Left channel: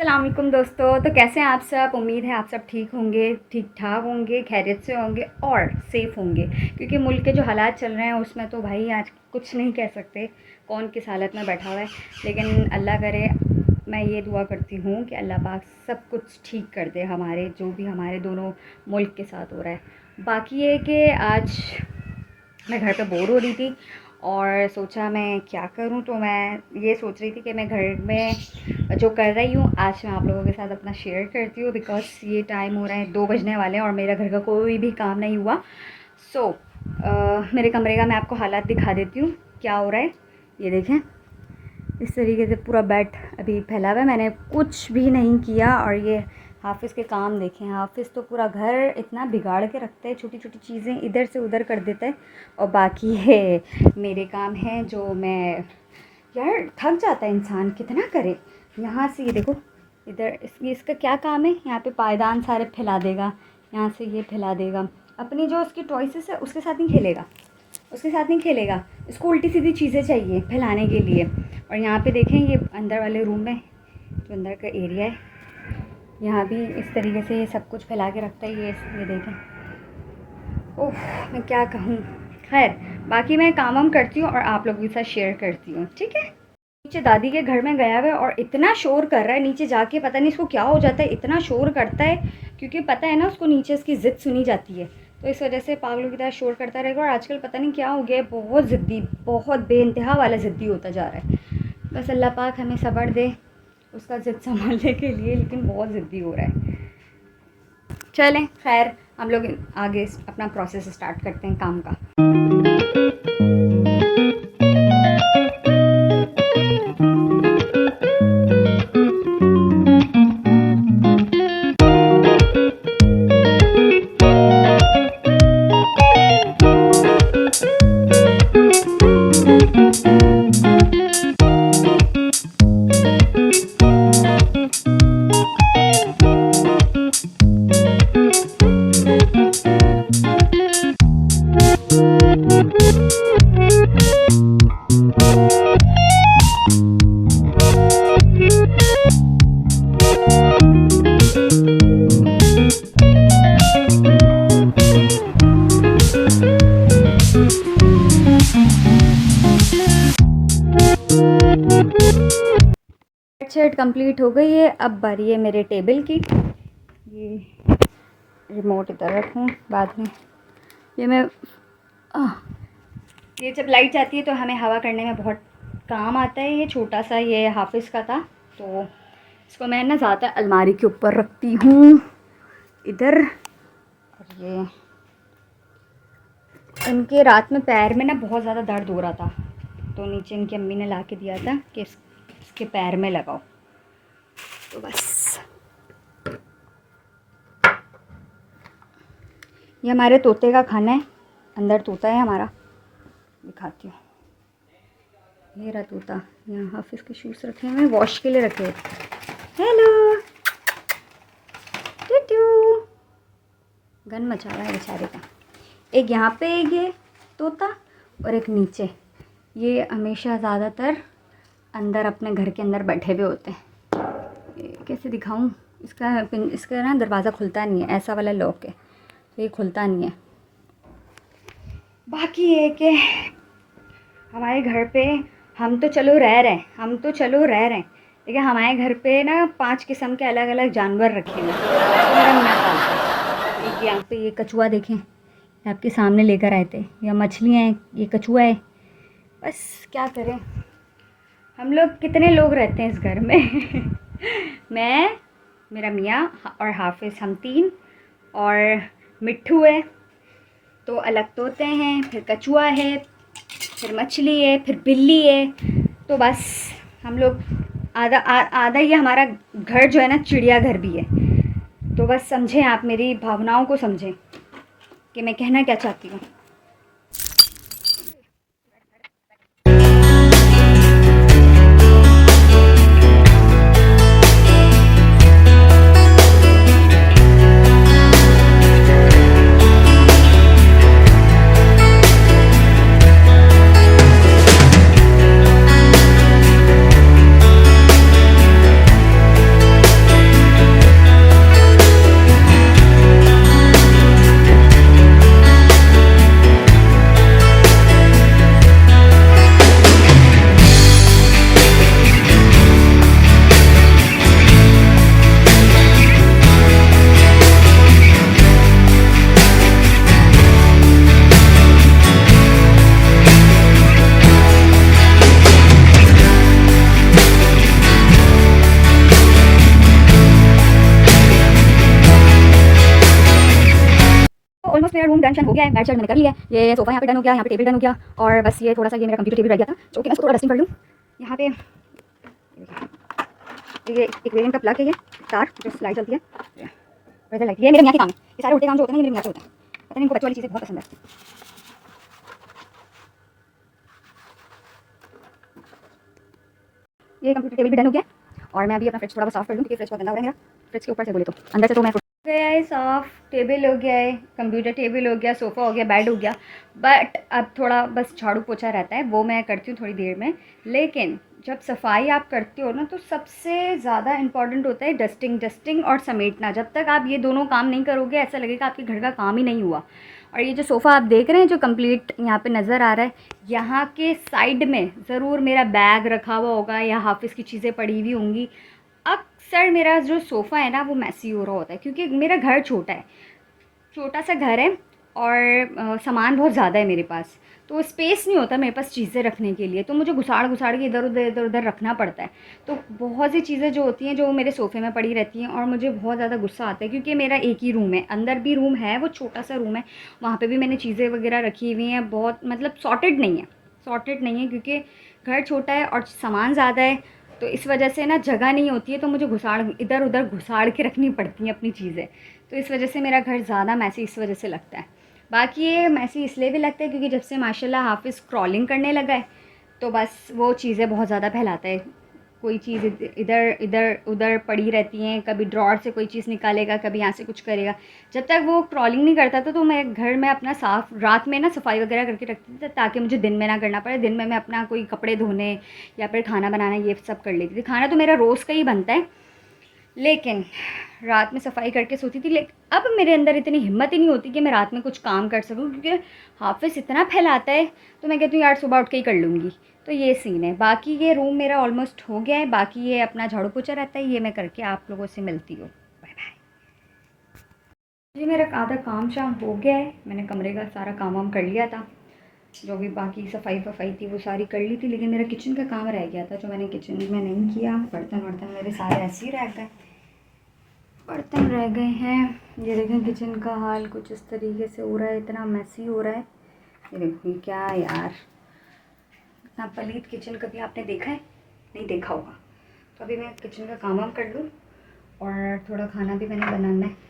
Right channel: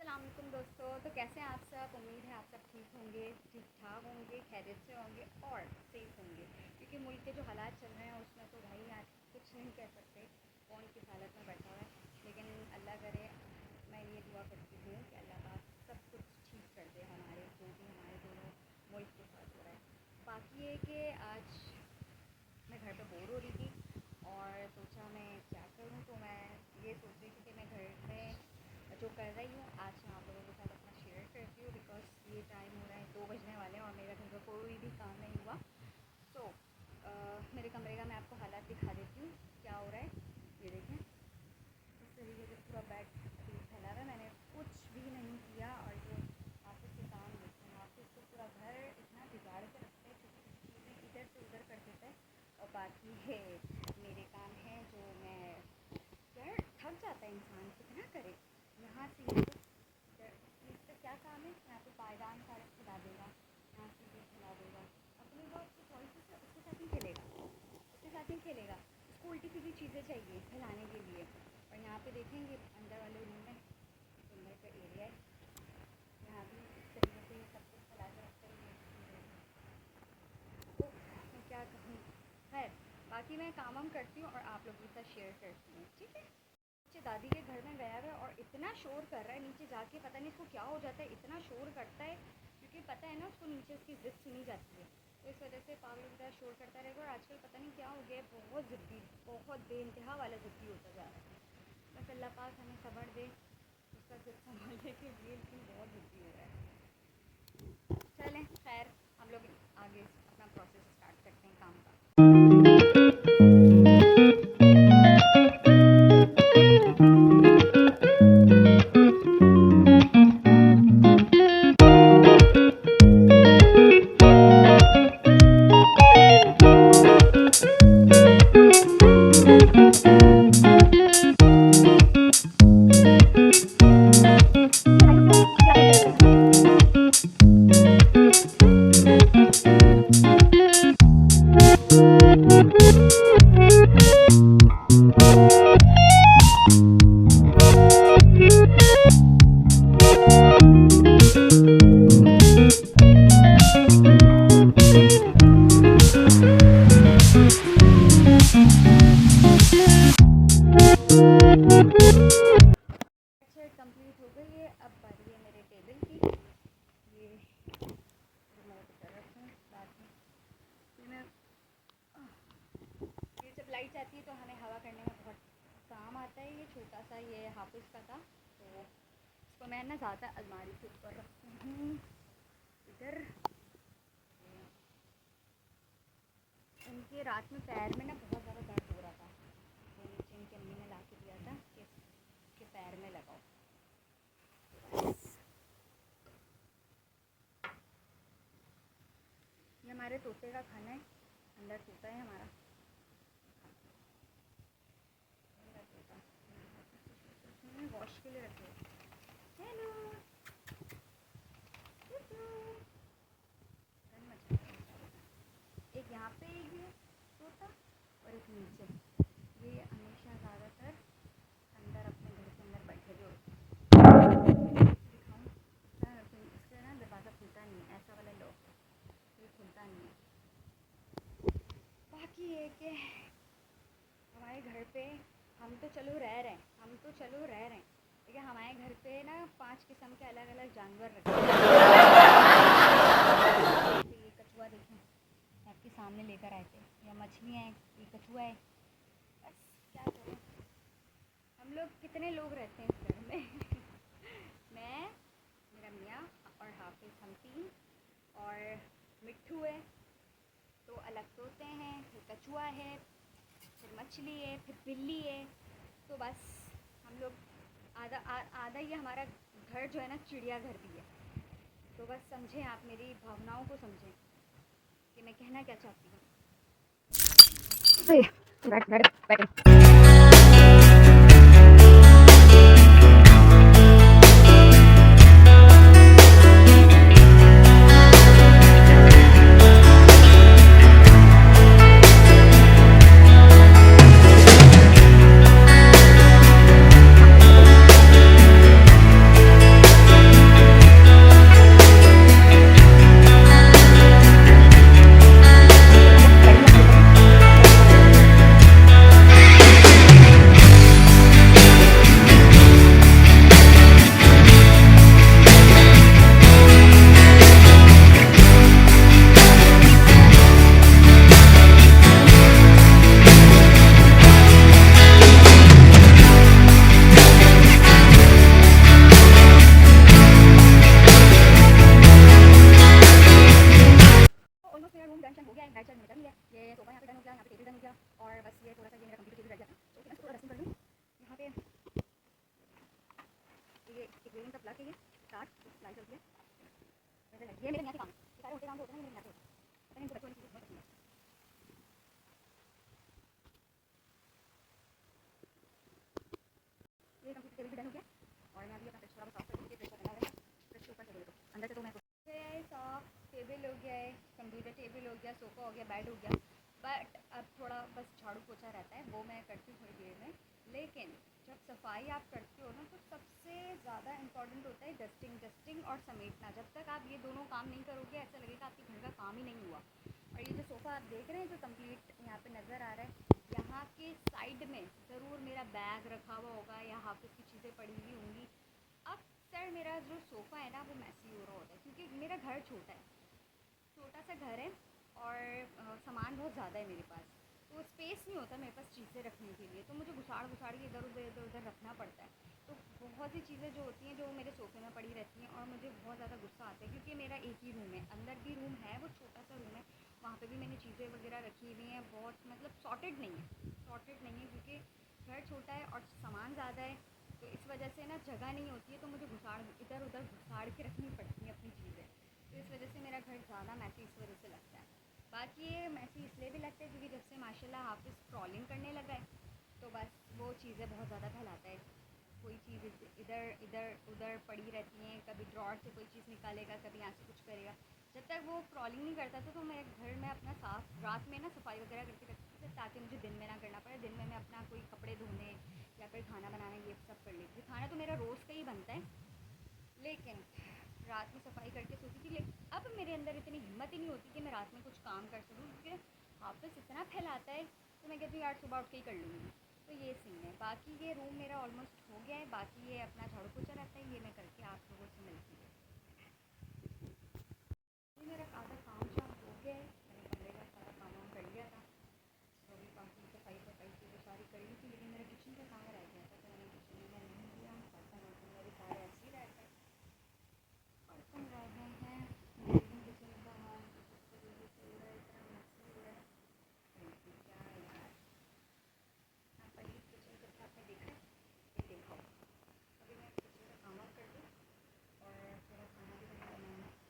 अस्सलाम वालेकुम दोस्तों। तो कैसे हैं आप सब? उम्मीद है आप सब ठीक होंगे, ठीक ठाक होंगे, खैरियत से होंगे और सेफ़ होंगे, क्योंकि मुल्क के जो हालात चल रहे हैं उसमें तो भाई आज कुछ नहीं कह सकते कौन किस हालत में बैठा हुआ है। लेकिन अल्लाह करे, मैं ये दुआ करती हूँ कि अल्लाह पाक सब कुछ ठीक कर दे, हमारे जो भी हमारे दोनों मुल्क के साथ हो रहा है। बाकी ये कि आज मैं घर पे बोर हो रही थी और सोचा मैं क्या करूं, तो मैं ये सोच रही थी कि मैं घर में जो कर रही हूँ आज मैं आप लोगों के साथ अपना शेयर करती हूँ। बिकॉज़ ये टाइम हो रहा है 2 बजने वाले हैं और मेरा घर का कोई भी काम नहीं हुआ। सो मेरे कमरे का मैं आपको हालात दिखा देती हूँ क्या हो रहा है। ये देखें, इस तरीके से पूरा बेड अभी फैला हुआ है, मैंने कुछ भी नहीं किया। और ये हाफिज़ के काम देखें, हाफिज़ तो पूरा घर इतना बिगाड़ के रखता है, छोटी छोटी चीज़ें इधर से उधर कर देता है। और बाकी है मेरे काम हैं जो मैं, यार थक जाता है इंसान, कितना करे। यहाँ से ये देखो, इधर इसका क्या काम है, यहाँ पे पायदान सारे फैला देगा, यहाँ से ये फैला देगा। अपनी जो उसकी चॉइसेस है उसके साथ नहीं खेलेगा, उसके साथ नहीं खेलेगा। इसको उल्टी सीधी चीज़ें चाहिए फैलाने के लिए। और यहाँ पे देखें, ये अंदर वाले रूम में जो अंदर का एरिया है, यहाँ भी इस तरीके से ये सब कुछ फैला के रखता है। ये देखें, ओह मैं क्या कहूँ। खैर, बाकी मैं काम वाम करती हूँ और आप लोगों के साथ शेयर करती हूँ, ठीक है। नीचे दादी के घर में गया हुआ है और इतना शोर कर रहा है नीचे जाके, पता नहीं इसको क्या हो जाता है, इतना शोर करता है। क्योंकि पता है ना उसको नीचे इसकी ज़िद सुनी जाती है, तो इस वजह से पागलों की तरह शोर करता रहेगा। और आजकल पता नहीं क्या हो गया है, बहुत ज़िद्दी, बहुत बेइंतहा वाला ज़िद्दी होता जा रहा है। बस अल्लाह पाक हमें सब्र दे उसका ज़िद संभालने के लिए, लेकिन बहुत ज़िद्दी हो रहा है। चलें, खैर हम लोग आगे अपना प्रोसेस स्टार्ट करते हैं काम का। शर्ट कंप्लीट हो गई है। अब बारी है मेरे टेबल की। ये रिमोट इधर रखूँ बाद में। ये मैं ये जब लाइट जाती है तो हमें हवा करने में बहुत काम आता है। ये छोटा सा ये हाफिज़ का था, तो इसको मैं ना ज़्यादा अलमारी के ऊपर रखती हूँ इधर। और ये इनके रात में पैर में ना बहुत ज़्यादा दर्द हो रहा था, तो नीचे इनकी अम्मी ने ला के दिया था कि इसके पैर में लगाओ। तो बस ये हमारे तोते का खाना है, अंदर तोता है हमारा, दिखाती हूँ। ये रहा तोता। यहाँ हाफिज़ के शूज़ रखे हुए, वॉश के लिए रखे। हेलो टूटू, गन मचा रहा है बेचारे का। एक यहाँ पे एक ये तोता और एक नीचे। ये हमेशा ज़्यादातर अंदर अपने घर के अंदर बैठे हुए होते हैं। कैसे दिखाऊं, इसका ना दरवाज़ा खुलता नहीं है, ऐसा वाला लॉक है तो ये खुलता नहीं है। बाकी ये कि हमारे घर पे हम तो चलो रह रहे हैं, लेकिन हमारे घर पे ना 5 किस्म के अलग अलग जानवर रखे हैं। यहाँ पे ये कछुआ देखें, आपके सामने लेकर आए थे, या मछलियाँ हैं, ये कछुआ है। बस क्या करें, हम लोग कितने लोग रहते हैं इस घर में मैं, मेरा मियाँ और हाफिज़, हम 3। और मिट्ठू है, तो अलग तोते हैं, फिर कछुआ है, फिर मछली है, फिर बिल्ली है। तो बस हम लोग आधा ही हमारा घर जो है ना चिड़ियाघर भी है। तो बस समझें, आप मेरी भावनाओं को समझें कि मैं कहना क्या चाहती हूँ। डन हो गया है, बेड शेड मैंने कर लिया है, ये सोफ़ा यहाँ पे डन हो गया, यहाँ पे टेबल डन हो गया, और बस ये थोड़ा सा ये मेरा कंप्यूटर टेबल रह गया था जो कि मैं इसको थोड़ा डस्टिंग कर लूँ। यहाँ पे ये एक्वेरियम का प्लग है, ये तार जो लाइट चलती है, वेदर लाइट, ये मेरे मियाँ के काम है। ये सारे उल्टे काम जो होते हैं ये मेरे मियाँ के होते हैं। पता नहीं इनको बच्चों वाली चीज़ें बहुत पसंद है। ये कंप्यूटर टेबल भी डन हो गया और मैं अभी अपना फ्रिज थोड़ा बहुत साफ़ कर लूँ क्योंकि फ्रिज बहुत गंदा हो रहा है मेरा। फ्रिज के ऊपर से बोले तो अंदर से तो मैं गया है साफ़, टेबल हो गया है, कंप्यूटर टेबल हो गया, सोफ़ा हो गया, बेड हो गया, बट अब थोड़ा बस झाड़ू पोछा रहता है, वो मैं करती हूँ थोड़ी देर में। लेकिन जब सफाई आप करते हो ना तो सबसे ज़्यादा इम्पॉर्टेंट होता है डस्टिंग और समेटना। जब तक आप ये दोनों काम नहीं करोगे ऐसा लगेगा आपके घर का काम ही नहीं हुआ। और ये जो सोफ़ा आप देख रहे हैं जो कंप्लीट यहाँ पे नज़र आ रहा है, यहाँ के साइड में ज़रूर मेरा बैग रखा हुआ होगा या हाफिज़ की चीज़ें पड़ी हुई होंगी। अक्सर मेरा जो सोफ़ा है ना वो मैसी हो रहा होता है क्योंकि मेरा घर छोटा है, छोटा सा घर है और सामान बहुत ज़्यादा है मेरे पास, तो स्पेस नहीं होता मेरे पास चीज़ें रखने के लिए, तो मुझे घुसाड़ के इधर उधर रखना पड़ता है। तो बहुत सी चीज़ें जो होती हैं जो मेरे सोफ़े में पड़ी रहती हैं और मुझे बहुत ज़्यादा गुस्सा आता है क्योंकि मेरा एक ही रूम है, अंदर भी रूम है, वो छोटा सा रूम है, वहाँ पे भी मैंने चीज़ें वगैरह रखी हुई हैं, बहुत मतलब सॉर्टेड नहीं है क्योंकि घर छोटा है और सामान ज़्यादा है, तो इस वजह से ना जगह नहीं होती है, तो मुझे इधर उधर घुसाड़ के रखनी पड़ती हैं अपनी चीज़ें। तो इस वजह से मेरा घर ज़्यादा मैसी इस वजह से लगता है। बाकी ये मैसी इसलिए भी लगता है क्योंकि जब से माशाल्लाह हाफिज़ क्रॉलिंग करने लगा है तो बस वो चीज़ें बहुत ज़्यादा फैलाता है। कोई चीज़ इधर इधर उधर पड़ी रहती हैं, कभी ड्रॉर से कोई चीज़ निकालेगा, कभी यहाँ से कुछ करेगा। जब तक वो क्रॉलिंग नहीं करता था तो मैं घर में अपना साफ़ रात में ना सफाई वगैरह करके रखती थी ताकि मुझे दिन में ना करना पड़े। दिन में मैं अपना कोई कपड़े धोने या फिर खाना बनाना ये सब कर लेती थी। खाना तो मेरा रोज़ का ही बनता है, लेकिन रात में सफाई करके सोती थी। लेकिन अब मेरे अंदर इतनी हिम्मत ही नहीं होती कि मैं रात में कुछ काम कर सकूं क्योंकि हाफिज़ इतना फैलाता है, तो मैं कहती हूँ यार सुबह उठ के ही कर लूँगी। तो ये सीन है। बाकी ये रूम मेरा ऑलमोस्ट हो गया है, बाकी ये अपना झाड़ू पोछा रहता है, ये मैं करके आप लोगों से मिलती हूँ। बाय बाय जी। मेरा आधा काम शाम हो गया है, मैंने कमरे का सारा काम वाम कर लिया था, जो भी बाकी सफाई वफाई थी वो सारी कर ली थी, लेकिन मेरा किचन का काम रह गया था जो मैंने किचन में नहीं किया। बर्तन वर्तन मेरे सारे ऐसे ही रह गए, बर्तन रह गए हैं। ये देखें किचन का हाल कुछ इस तरीके से हो रहा है, इतना मैसी हो रहा है। ये देखिए क्या यार, इतना पलीत किचन कभी आपने देखा है? नहीं देखा होगा। तो अभी मैं किचन का काम वाम कर लूँ और थोड़ा खाना भी मैंने बनाना है।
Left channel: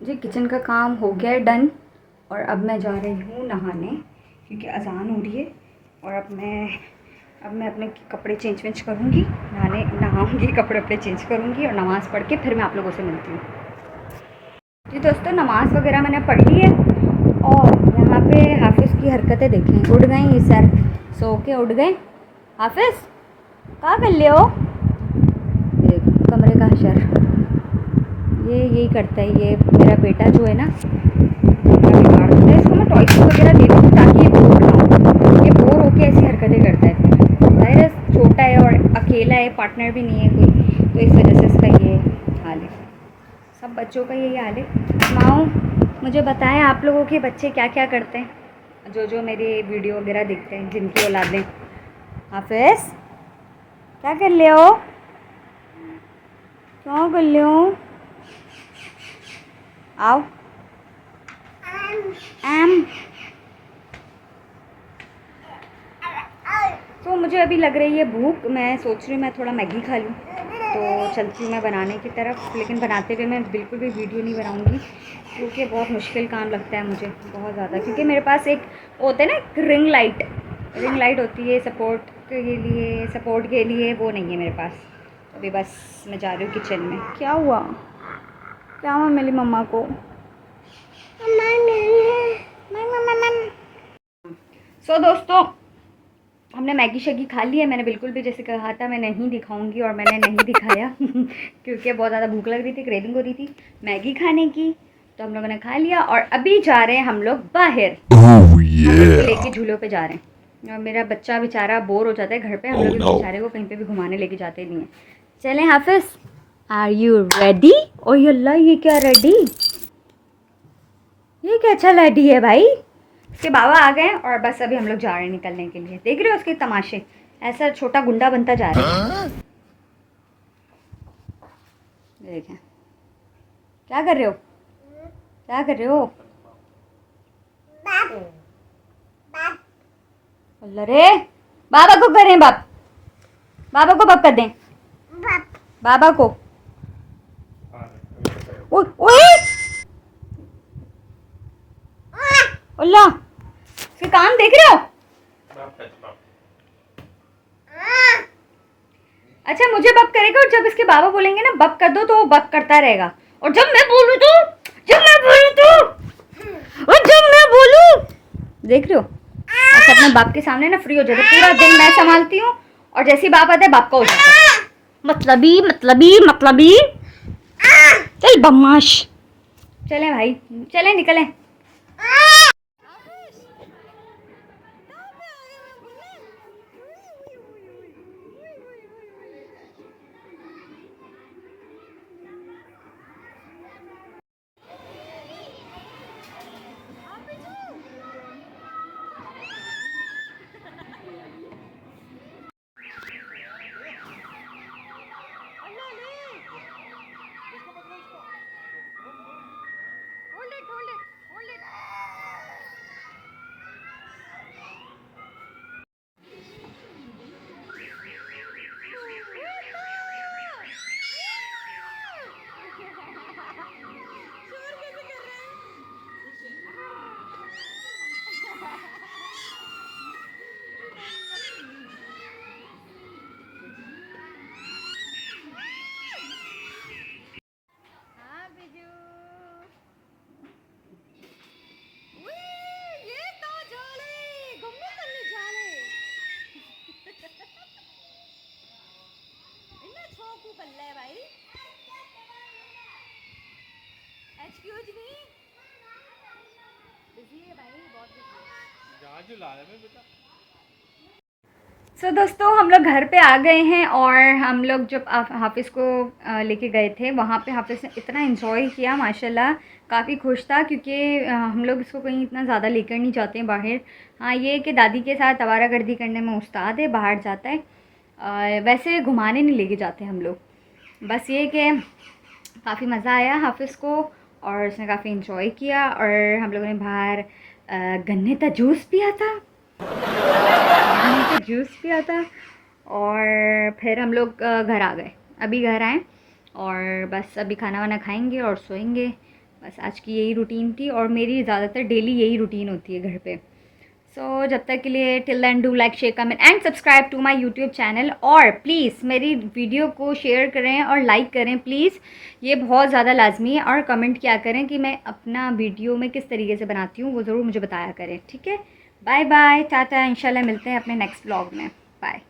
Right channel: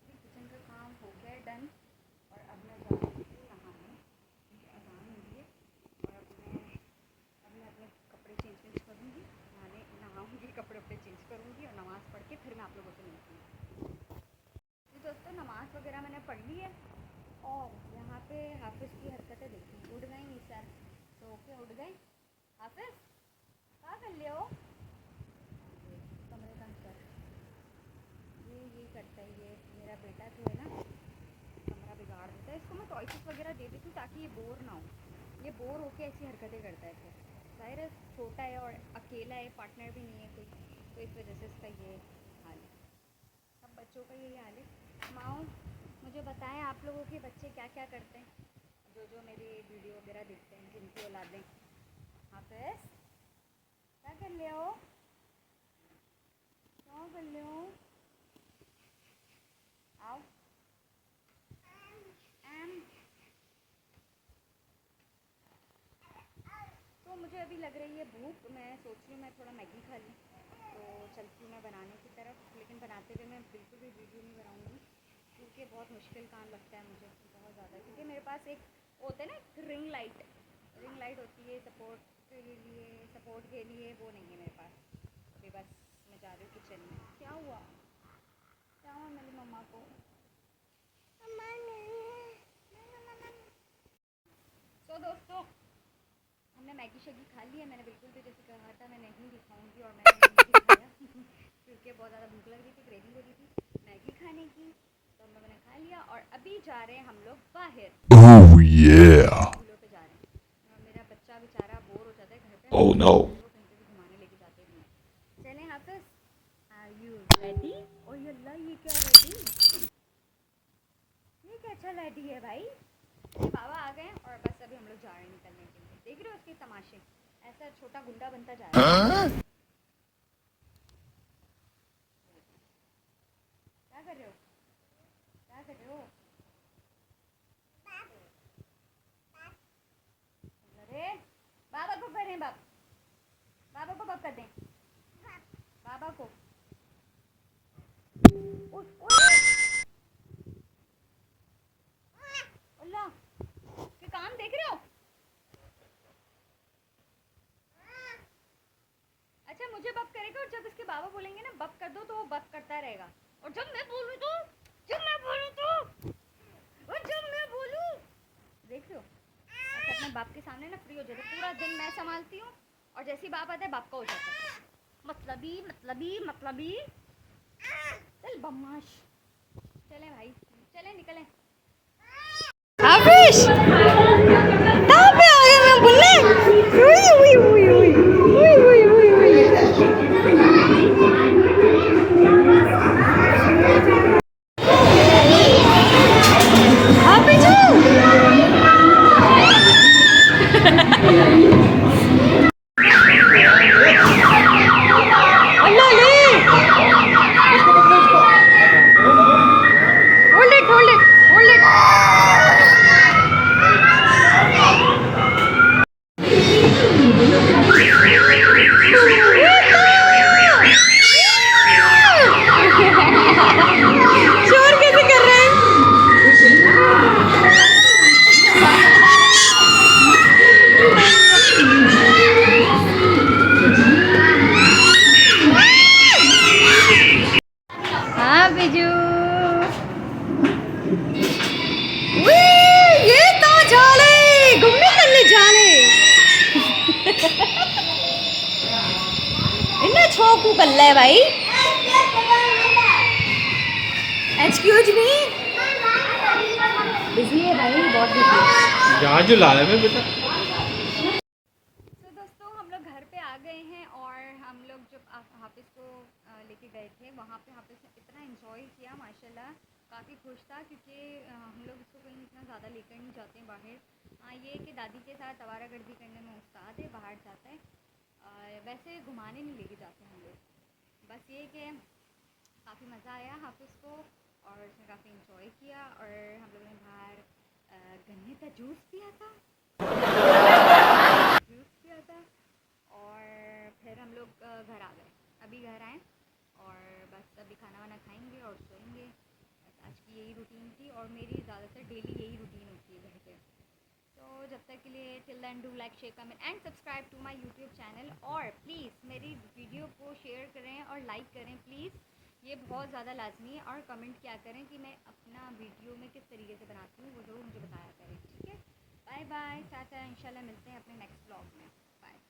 जी किचन का काम हो गया है डन, और अब मैं जा रही हूँ नहाने क्योंकि अज़ान हो रही है। और अब मैं अपने कपड़े चेंज करूँगी, नहाऊँगी, कपड़े चेंज करूँगी और नमाज़ पढ़ के फिर मैं आप लोगों से मिलती हूँ। जी दोस्तों, नमाज़ वगैरह मैंने पढ़ ली है और यहाँ पे हाफिज़ की हरकतें देखें, उड़ गए ये सर, सो के उड़ गए। हाफिज़ क्या कर ले हो? कमरे का हशर ये यही करता है। ये मेरा बेटा जो है ना, बड़ा बिगाड़ देता है। इसको मैं टॉयस वगैरह दे दूँ ताकि ये बोर ना हो। ये बोर होके ऐसी हरकतें करता है। फिर ज़ाहिर है छोटा है और अकेला है, पार्टनर भी नहीं है कोई, तो इस वजह से इसका ये हाल है। सब बच्चों का यही हाल है। माओ मुझे बताएं आप लोगों के बच्चे क्या क्या करते हैं, जो जो मेरी वीडियो वगैरह देखते हैं, जिनकी औलादें। हाफिज़ क्या कर ले हो? क्या कर ले हो? आओ एम। तो मुझे अभी लग रही है भूख, मैं सोच रही हूँ मैं थोड़ा मैगी खा लूँ, तो चलती हूँ मैं बनाने की तरफ। लेकिन बनाते हुए मैं बिल्कुल भी वीडियो नहीं बनाऊँगी, क्योंकि बहुत मुश्किल काम लगता है मुझे बहुत ज़्यादा। क्योंकि मेरे पास एक होता है ना, एक रिंग लाइट होती है सपोर्ट के लिए, वो नहीं है मेरे पास। अभी बस मैं जा रही हूँ किचन में। क्या हुआ मेरी मम्मा को? सो दोस्तों, हमने मैगी शैगी खा ली है। मैंने बिल्कुल भी जैसे कहा था मैं नहीं दिखाऊंगी, और मैंने नहीं दिखाया क्योंकि बहुत ज़्यादा भूख लग रही थी, क्रेविंग हो रही थी मैगी खाने की। तो हम लोगों ने खा लिया और अभी जा रहे हैं हम लोग बाहर। लेके झूलों पे जा रहे हैं। और मेरा बच्चा बेचारा बोर हो जाता है घर पे, हम लोग बेचारे को कहीं पे भी घुमाने लेके जाते नहीं है। चलें हाफिज़, आर यू रेडी? ओ अल्लाह, ये क्या रेडी? ये क्या अच्छा रेडी है भाई? उसके बाबा आ गए और बस अभी हम लोग जा रहे हैं निकलने के लिए। देख रहे हो उसके तमाशे, ऐसा छोटा गुंडा बनता जा रहा है। देखें क्या कर रहे हो, क्या कर रहे हो? अल्लाह रे, बाबा को करें, बाबा को बप कर दें, बाबा को। ओए अल्लाह, इसके काम देख रहे हो? अच्छा मुझे बप करेगा, और जब इसके बाबा बोलेंगे ना बप कर दो, तो वो बप करता रहेगा। और जब मैं बोलूँ तो, और जब मैं बोलूँ, देख रहे हो, ऐसा अपने बाप के सामने ना फ्री हो जाता है। पूरा दिन मैं संभालती हूँ, और जैसे ही बाप आता है बाप का हो जाता है। मतलबी चल बदमाश। चलें भाई, चलें निकलें। हाफिज कहाँ पे आ गए मैं बोलने? Hold it. शोर कैसे कर रहे हैं? हाँ बिजू, ये तो झाले घूमने करने झाले इन्हें छोकू कर ले भाई। एक्सक्यूज मी, बिजी है भाई, बहुत बिजी है। जहाँ जो ला रहे बेटा। सो दोस्तों, हम लोग घर पे आ गए हैं। और हम लोग जब हाफिज़ को लेके गए थे, वहाँ पे हाफिज़ ने इतना इन्जॉय किया माशाल्लाह, काफ़ी खुश था। क्योंकि हम लोग इसको कहीं इतना ज़्यादा लेकर नहीं जाते हैं बाहर। हाँ ये कि दादी के साथ आवारागर्दी करने में उस्ताद है, बाहर जाता है। वैसे घुमाने नहीं लेके जाते हम लोग। बस ये कि काफ़ी मज़ा आया हाफिज़ को, और उसने काफ़ी इन्जॉय किया। और हम लोगों ने बाहर गन्ने का जूस पिया था, और फिर हम लोग घर आ गए। अभी घर आए और बस अभी खाना वाना खाएंगे और सोएंगे। बस आज की यही रूटीन थी, और मेरी ज़्यादातर डेली यही रूटीन होती है घर पे। सो जब तक के लिए till then do like share comment and subscribe to my YouTube channel, और प्लीज़ मेरी वीडियो को शेयर करें और लाइक करें प्लीज़, ये बहुत ज़्यादा लाजमी है। और कमेंट क्या करें कि मैं अपना वीडियो में किस तरीके से बनाती हूँ वो ज़रूर मुझे बताया करें। ठीक है, बाय बाय, टाटा, इंशाल्लाह मिलते हैं अपने नेक्स्ट व्लॉग में। बाय।